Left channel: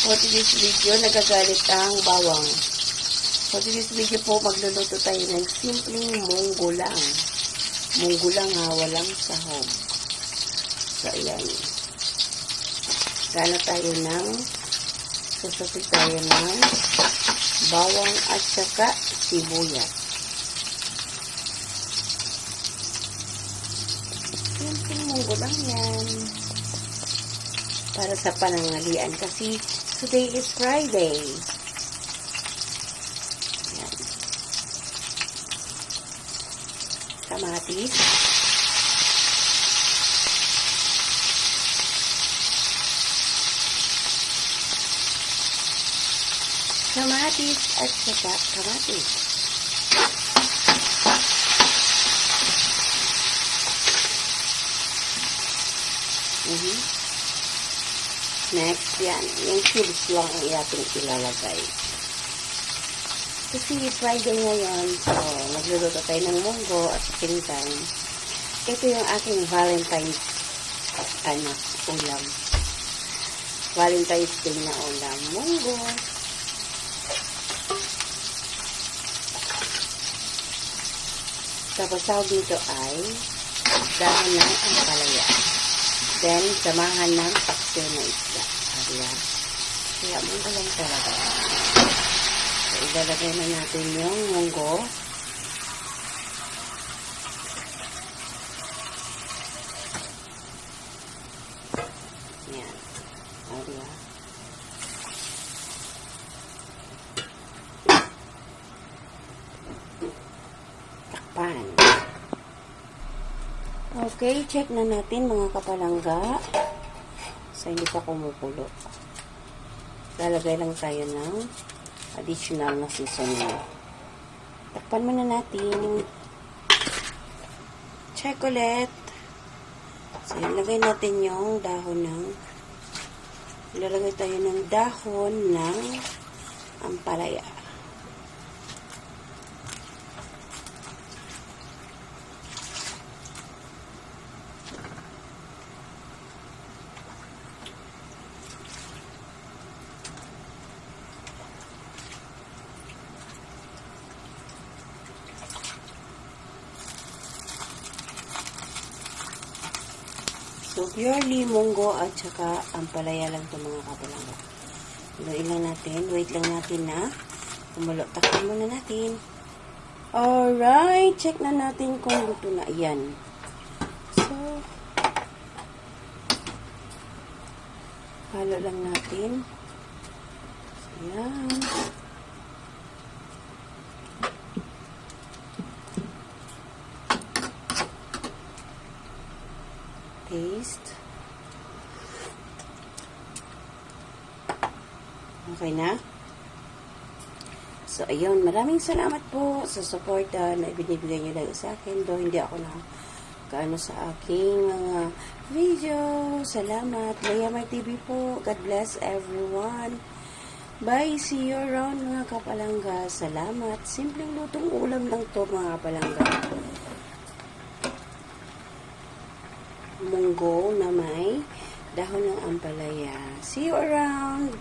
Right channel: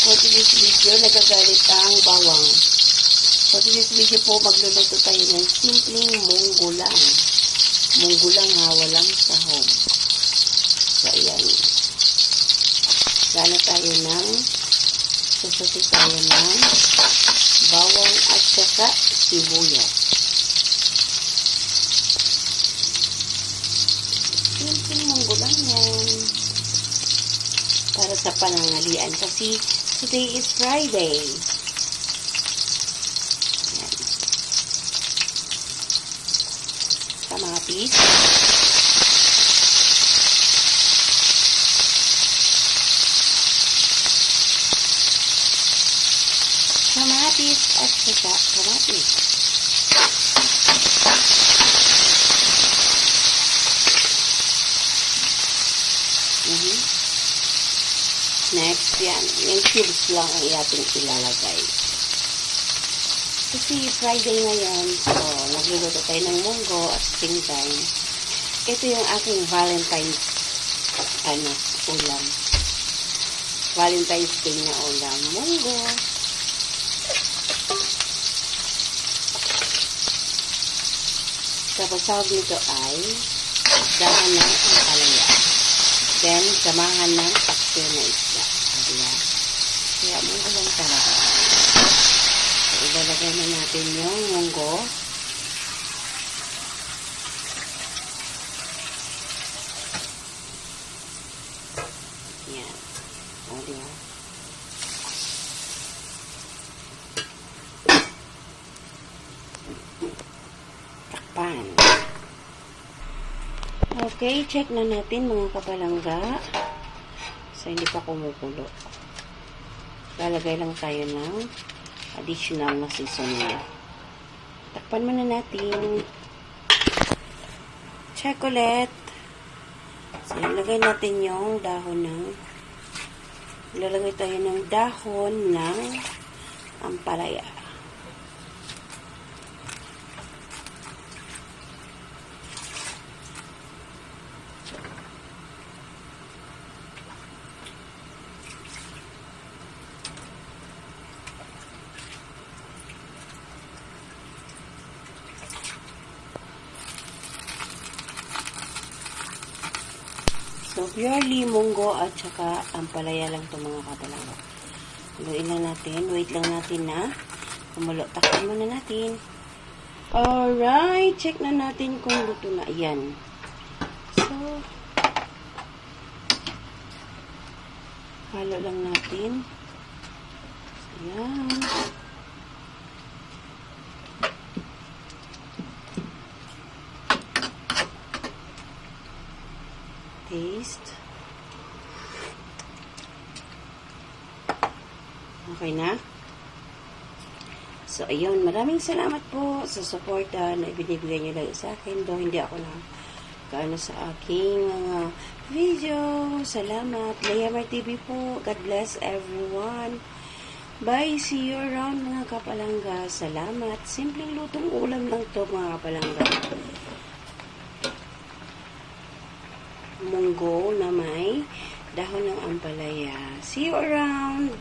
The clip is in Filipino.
For today's video, nagagalit ang bawang. For today's video po, magluluto tayo ng simpleng munggo lang. Munggo lang ha, walang sahog. So, ayan. Sasapit tayo ng bawang at saka sibuyas. Simpleng munggo lang yan. Para sa panangalian kasi today is Friday. Ayan. Kamatis. Kamatis at saka kamatis. Next, yan. Yung cubes lang ang ating ilalagay. Kasi Friday ngayon, so nagluluto tayo ng munggo at the same time, ito yung ating Valentine's ulam. Valentine's Day na ulam. Munggo. Tapos tawag nito ay dahon ng ampalaya. Then, samahan ng pakso na isda. Kaya munggo lang talaga. So, ilalagay na natin yung munggo. Yan. O, diba? Takpan. Okay, check na natin mga kapalangga. So, hindi pa kumukulo. Lalagay lang tayo ng additional na seasoning. Takpan muna natin. Check ulit. So, ilagay natin yung dahon ng ilalagay tayo ng dahon ng ampalaya. So, purely munggo at saka ampalaya lang ito mga kapalangga. Haluin lang natin. Wait lang natin na kumulo. Takpan muna natin. Alright. Check na natin kung luto na. Ayan. So, halo lang natin. Ayan. Taste. Okay na? So, ayun. Maraming salamat po sa support na ibinibigay niyo lang sa akin. Though hindi ako na kaano sa aking mga video. Salamat. Layamar TV po. God bless everyone. Bye. See you around mga kapalangga. Salamat. Simpleng lutong ulam lang to mga kapalangga. Munggo na may dahon ng ampalaya. See you around!